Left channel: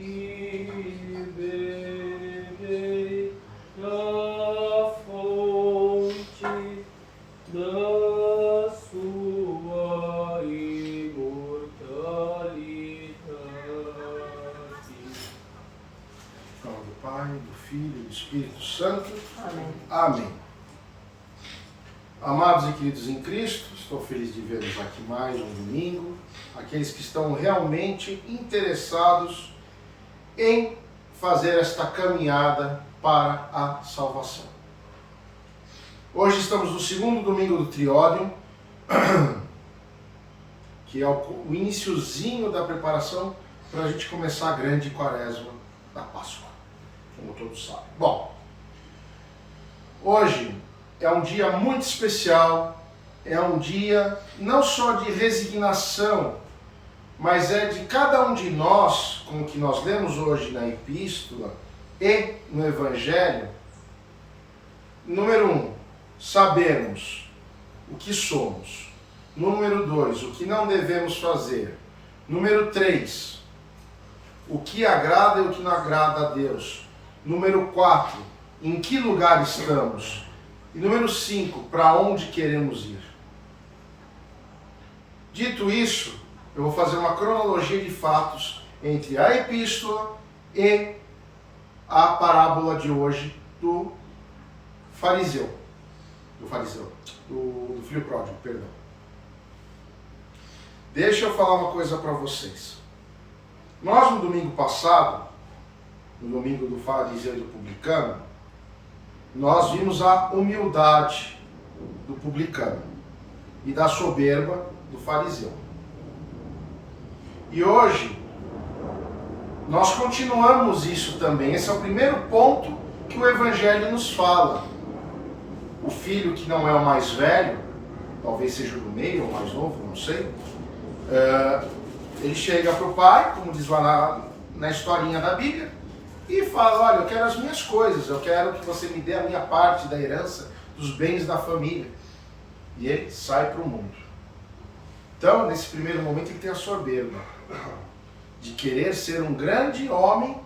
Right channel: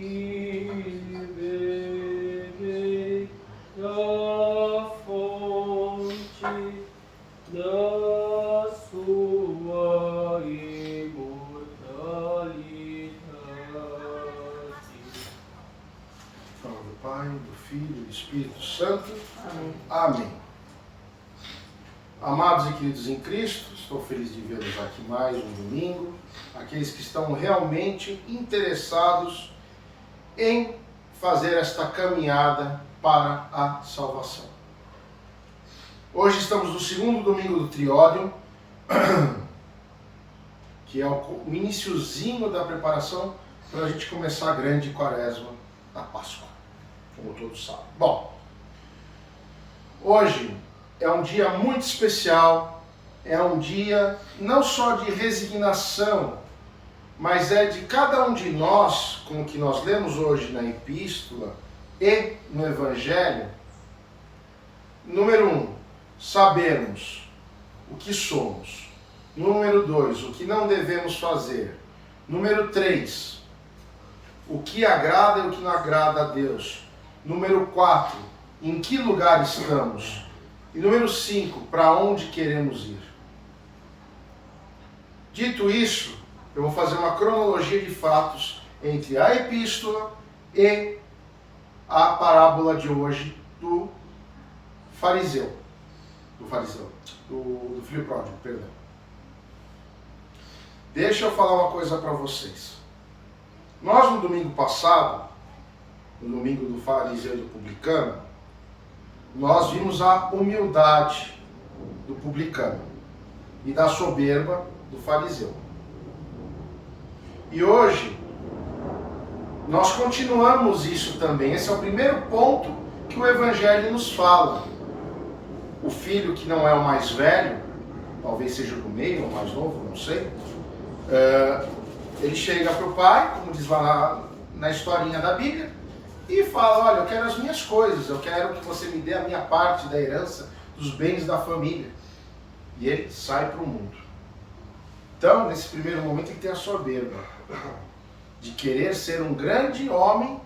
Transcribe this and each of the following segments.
e beberei da fonte da sua imortalidade. Em nome do Pai, do Filho e do Espírito Santo. Amém. Amém. Amados e queridos em Cristo, estou feliz de vê-los aqui mais um domingo. Aqueles que estão realmente interessados em fazer esta caminhada para a salvação. Hoje estamos no segundo domingo do Triódio, que é o iniciozinho da preparação para a gente começar a grande quaresma da Páscoa, como todos sabem. Bom, hoje é um dia muito especial, é um dia não só de resignação, mas é de cada um de nós, como que nós lemos hoje na Epístola e no Evangelho. Número 1, sabermos o que somos. Número 2, o que não devemos fazer. Número 3, o que agrada e o que não agrada a Deus. Número 4, em que lugar estamos. E número 5, para onde queremos ir. Dito isso, eu vou fazer uma cronologia de fatos entre a epístola e a parábola de hoje do filho pródigo, perdão. Deixa eu falar uma coisa para vocês. Nós no domingo passado, no domingo do fariseu e do publicano, nós vimos a humildade do publicano e da soberba do fariseu. E hoje, nós continuamos isso também. Esse é o primeiro ponto que o Evangelho nos fala. O filho que não é o mais velho, talvez seja o do meio ou o mais novo, não sei, ele chega para o pai, como diz lá na historinha da Bíblia, e fala: olha, eu quero as minhas coisas, eu quero que você me dê a minha parte da herança, dos bens da família. E ele sai para o mundo. Então, nesse primeiro momento, ele tem a soberba de querer ser um grande homem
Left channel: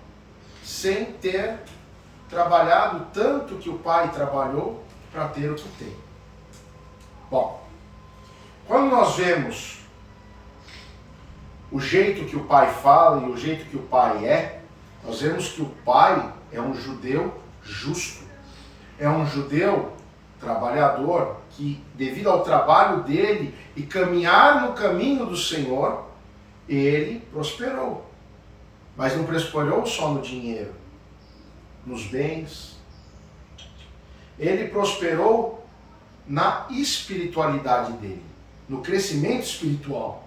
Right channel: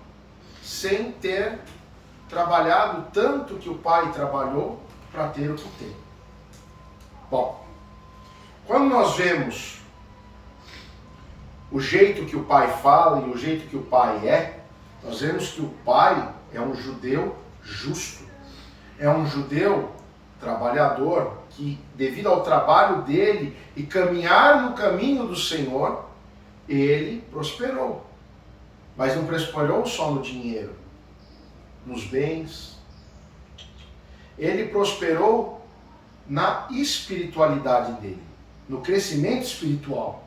sem ter trabalhado tanto que o pai trabalhou para ter o que tem. Bom, quando nós vemos o jeito que o pai fala e o jeito que o pai é, nós vemos que o pai é um judeu justo, é um judeu trabalhador que, devido ao trabalho dele e caminhar no caminho do Senhor, ele prosperou. Mas não prosperou só no dinheiro, nos bens. Ele prosperou na espiritualidade dele, no crescimento espiritual,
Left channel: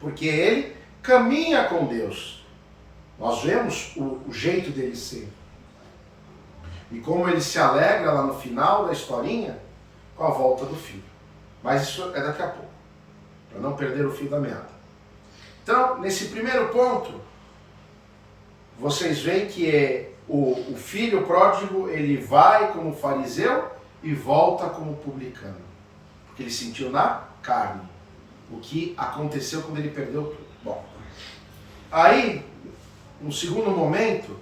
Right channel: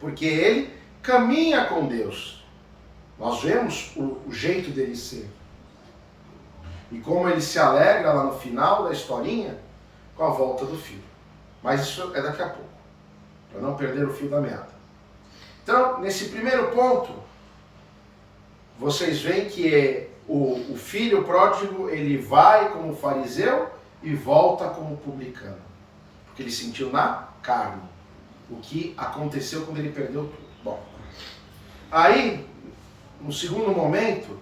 porque ele caminha com Deus. Nós vemos o jeito dele ser. E como ele se alegra lá no final da historinha com a volta do filho. Mas isso é daqui a pouco, para não perder o fio da meada. Então, nesse primeiro ponto, vocês veem que o filho pródigo, ele vai como fariseu e volta como publicano. Porque ele sentiu na carne o que aconteceu quando ele perdeu tudo. Bom, aí, no segundo momento,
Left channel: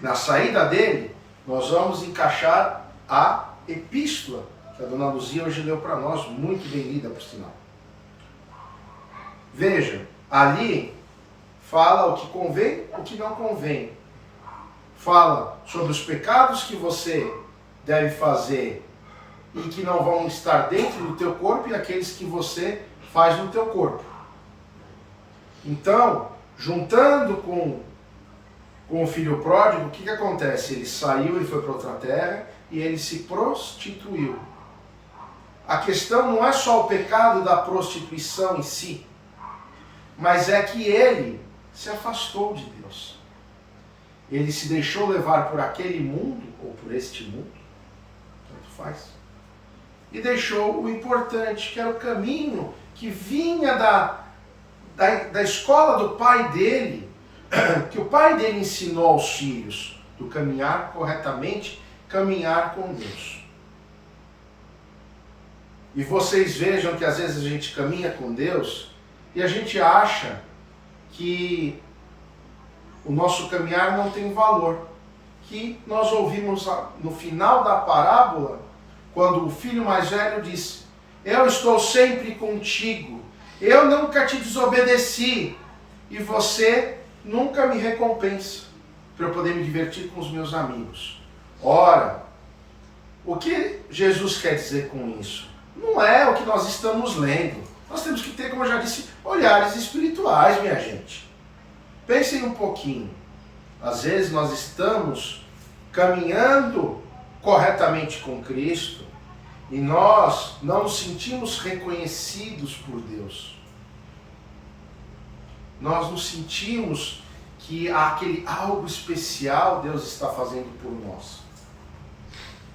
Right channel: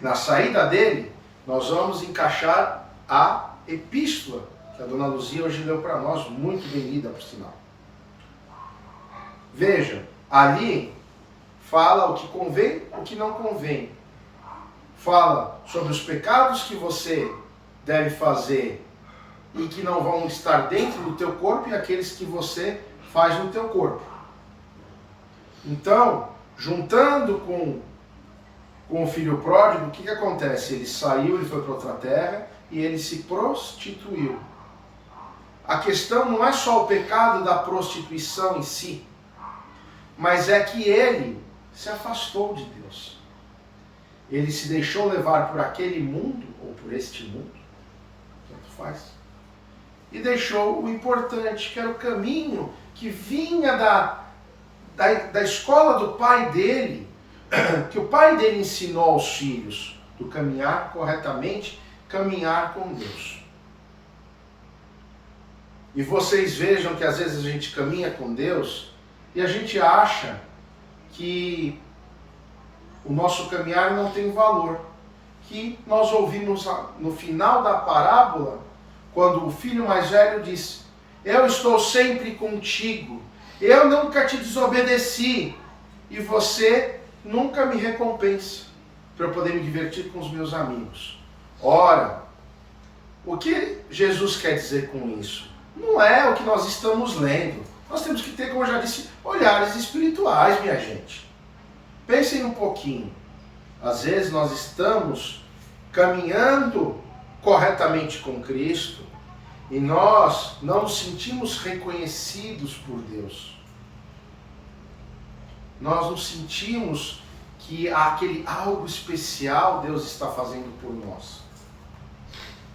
na saída dele, nós vamos encaixar a epístola que a dona Luzia hoje leu para nós, muito bem lida, por sinal. Veja, ali fala o que convém, o que não convém. Fala sobre os pecados que você deve fazer e que não vão estar dentro do teu corpo e aqueles que você faz no teu corpo. Então, juntando com o filho pródigo, o que acontece? Ele saiu, ele foi para outra terra e ele se prostituiu. A questão não é só o pecado da prostituição em si, mas é que ele se afastou de Deus. Ele se deixou levar por aquele mundo, ou por este mundo, tanto faz, e deixou o importante, que era o caminho que vinha da escola do pai dele, que o pai dele ensinou aos filhos, do caminhar corretamente, caminhar com Deus. E vocês vejam que às vezes a gente caminha com Deus e a gente acha que o nosso caminhar não tem valor. Que nós ouvimos no final da parábola, quando o filho mais velho disse: eu estou sempre contigo, eu nunca te desobedeci, e você nunca me recompensa para eu poder me divertir com os meus amigos. Ora, o que Jesus quer dizer com isso? Não é o que nós estamos lendo. Nós temos que ter, como eu já disse, olhares espirituais, minha gente. Pensem um pouquinho. Às vezes nós estamos caminhando corretamente com Cristo e nós não nos sentimos reconhecidos por Deus. Nós nos sentimos que aquele algo especial Deus está fazendo por nós.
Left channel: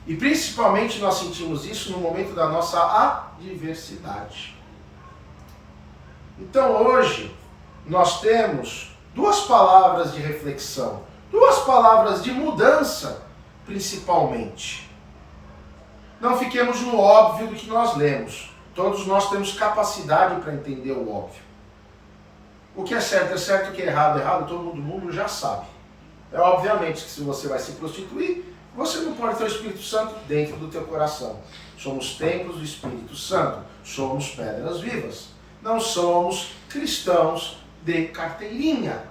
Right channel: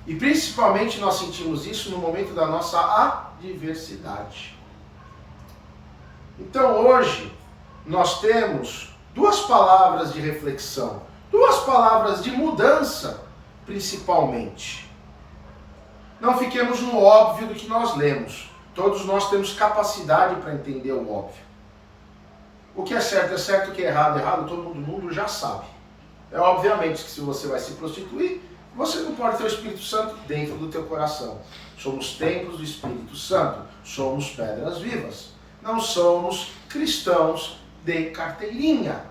E principalmente nós sentimos isso no momento da nossa adversidade. Então hoje nós temos duas palavras de reflexão, duas palavras de mudança, principalmente. Não fiquemos no óbvio do que nós lemos. Todos nós temos capacidade para entender o óbvio. O que é certo, o que é errado, todo mundo já sabe. É obviamente que se você vai se prostituir, você não pode ter o Espírito Santo dentro do teu coração. Somos templos do Espírito Santo, somos pedras vivas. Não somos cristãos de carteirinha.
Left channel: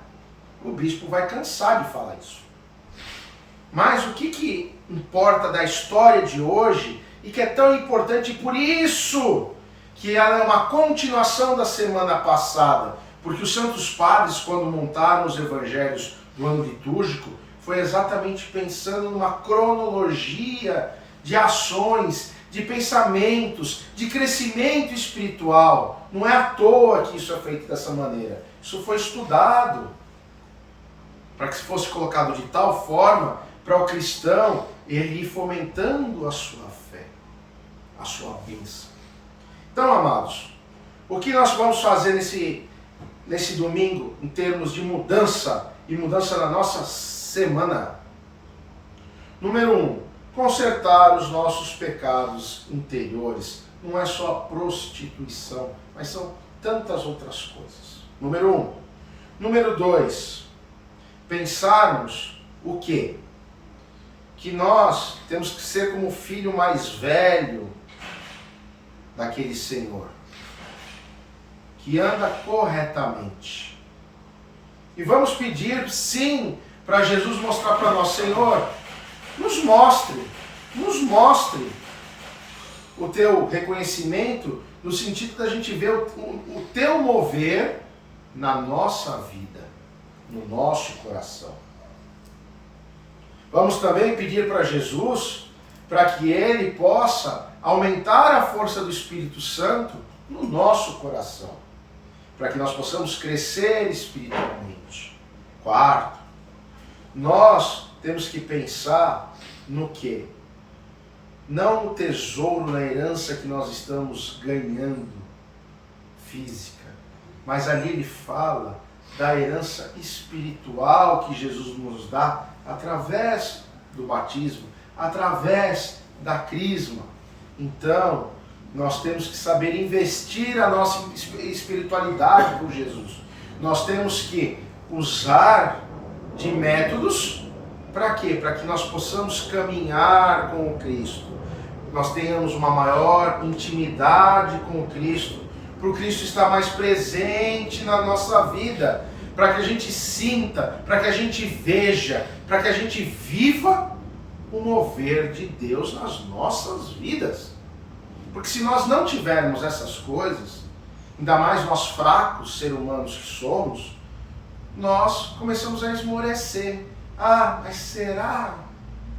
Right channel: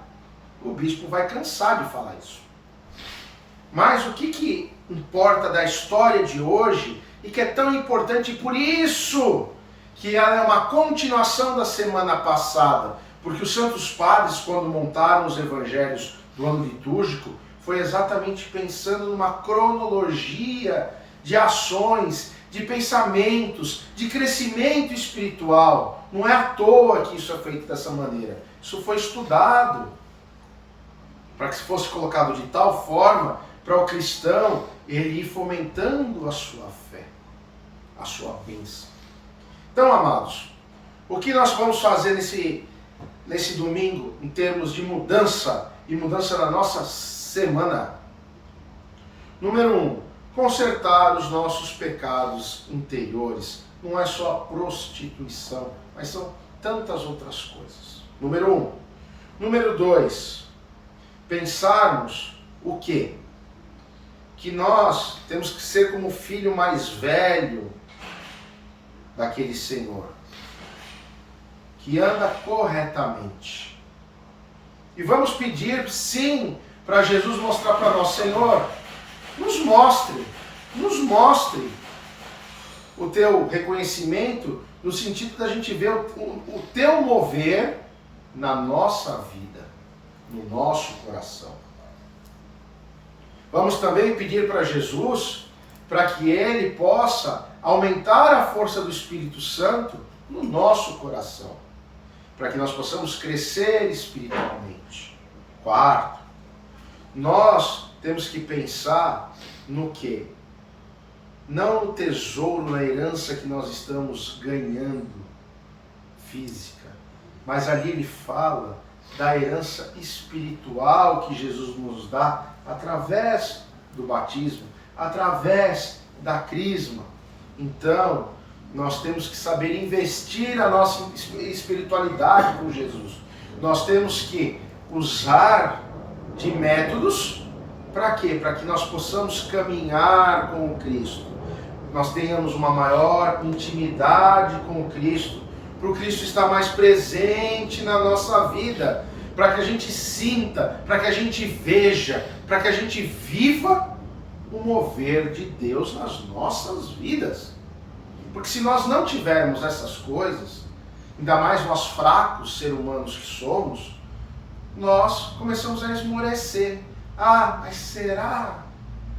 O bispo vai cansar de falar isso. Mas o que importa da história de hoje e que é tão importante, por isso que ela é uma continuação da semana passada, porque os santos padres, quando montaram os evangelhos do ano litúrgico, foi exatamente pensando numa cronologia de ações, de pensamentos, de crescimento espiritual. Não é à toa que isso é feito dessa maneira. Isso foi estudado para que fosse colocado de tal forma para o cristão ele ir fomentando a sua fé, a sua bênção. Então, amados, o que nós vamos fazer nesse domingo em termos de mudança e mudança na nossa semana? Número 1, consertar os nossos pecados interiores. Não é só a prostituição, mas são tantas outras coisas. Número 1. Número 2, pensarmos o quê? Que nós temos que ser como o filho mais velho daquele Senhor, que anda corretamente. E vamos pedir, sim, para Jesus mostrar para nós: Senhor, nos mostre o teu reconhecimento, no sentido da gente ver o teu mover na nossa vida, no nosso coração. Vamos também pedir para Jesus, para que Ele possa aumentar a força do Espírito Santo no nosso coração, para que nós possamos crescer espiritualmente. 4, nós temos que pensar no quê? Não no tesouro, na herança que nós estamos ganhando, física, mas ali ele fala da herança espiritual que Jesus nos dá através do batismo, através da crisma. Então, nós temos que saber investir a nossa espiritualidade por Jesus. Nós temos que usar de métodos para quê? Para que nós possamos caminhar com o Cristo. Nós tenhamos uma maior intimidade com o Cristo, para o Cristo estar mais presente na nossa vida, para que a gente sinta, para que a gente veja, para que a gente viva o mover de Deus nas nossas vidas. Porque se nós não tivermos essas coisas, ainda mais nós fracos seres humanos que somos, nós começamos a esmorecer. Ah, mas será?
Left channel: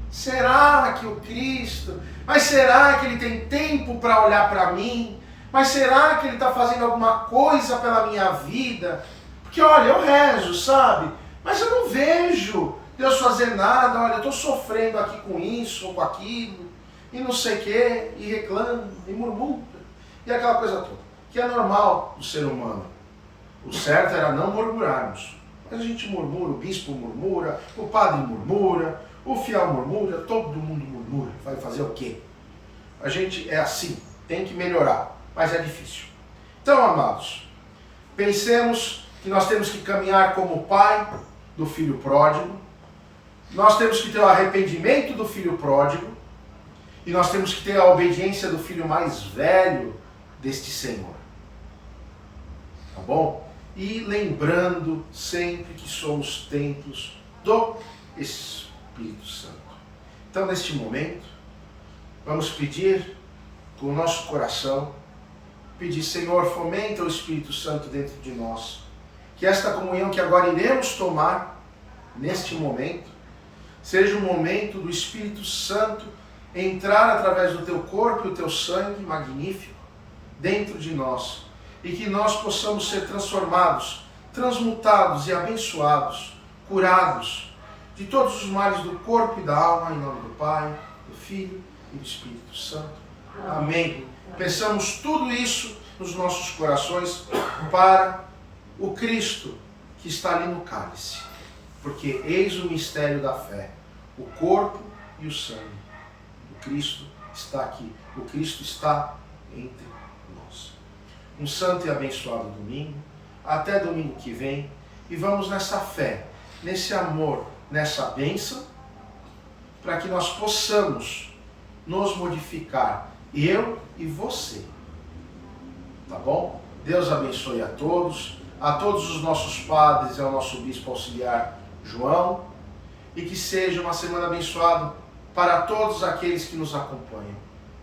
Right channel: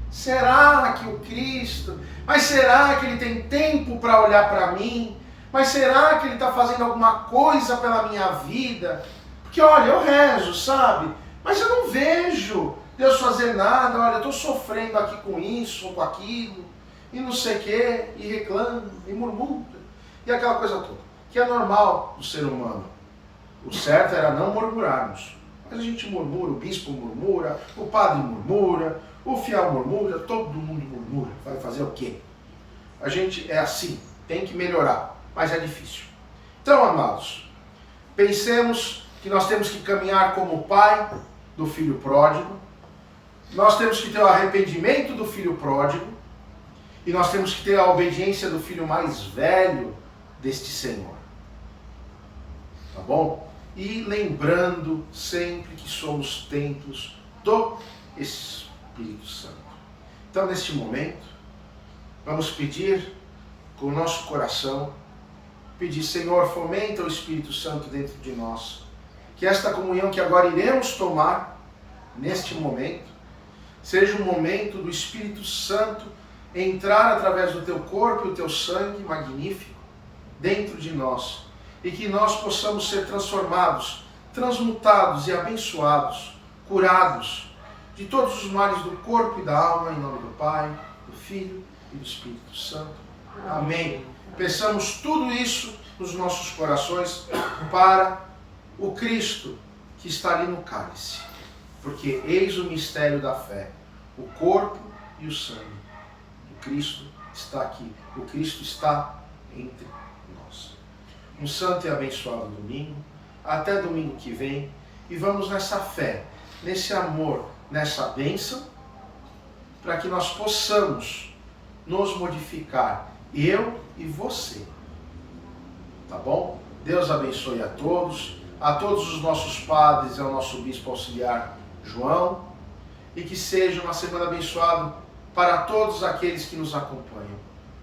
Será que o Cristo? Mas será que Ele tem tempo para olhar para mim? Mas será que Ele está fazendo alguma coisa pela minha vida? Porque olha, eu rezo, sabe? Mas eu não vejo Deus fazer nada. Olha, eu estou sofrendo aqui com isso ou com aquilo, e não sei o quê, e reclamo, e murmura, e aquela coisa toda, que é normal do ser humano. O certo era não murmurarmos. Mas a gente murmura, o bispo murmura, o padre murmura, o fiel murmura, todo mundo murmura. Vai fazer o quê? A gente é assim, tem que melhorar, mas é difícil. Então, amados, pensemos que nós temos que caminhar como pai, do filho pródigo, nós temos que ter o arrependimento do filho pródigo, e nós temos que ter a obediência do filho mais velho deste Senhor. Tá bom? E lembrando sempre que somos templos do Espírito Santo. Então, neste momento, vamos pedir com o nosso coração, pedir, Senhor, fomenta o Espírito Santo dentro de nós. Que esta comunhão que agora iremos tomar, neste momento, seja um momento do Espírito Santo entrar através do teu corpo e o teu sangue magnífico dentro de nós, e que nós possamos ser transformados, transmutados e abençoados, curados de todos os males do corpo e da alma, em nome do Pai, do Filho e do Espírito Santo. Amém. Peçamos tudo isso nos nossos corações para o Cristo que está ali no cálice, porque eis o mistério da fé, o corpo e o sangue. O Cristo está aqui, o Cristo está entre nós. Um santo e abençoado domingo, até domingo que vem, e vamos nessa fé, nesse amor, nessa bênção, para que nós possamos nos modificar, eu e você. Tá bom? Deus abençoe a todos os nossos padres e ao nosso bispo auxiliar João, e que seja uma semana abençoada para todos aqueles que nos acompanham.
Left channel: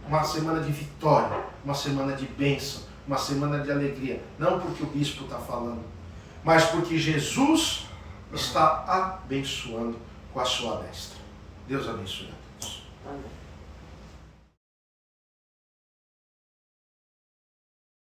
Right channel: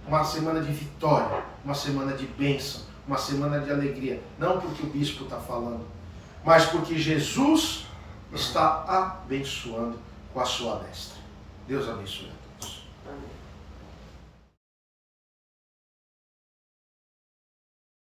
Uma semana de vitória, uma semana de bênção, uma semana de alegria. Não porque o bispo está falando, mas porque Jesus está abençoando com a sua destra. Deus abençoe a todos. Amém.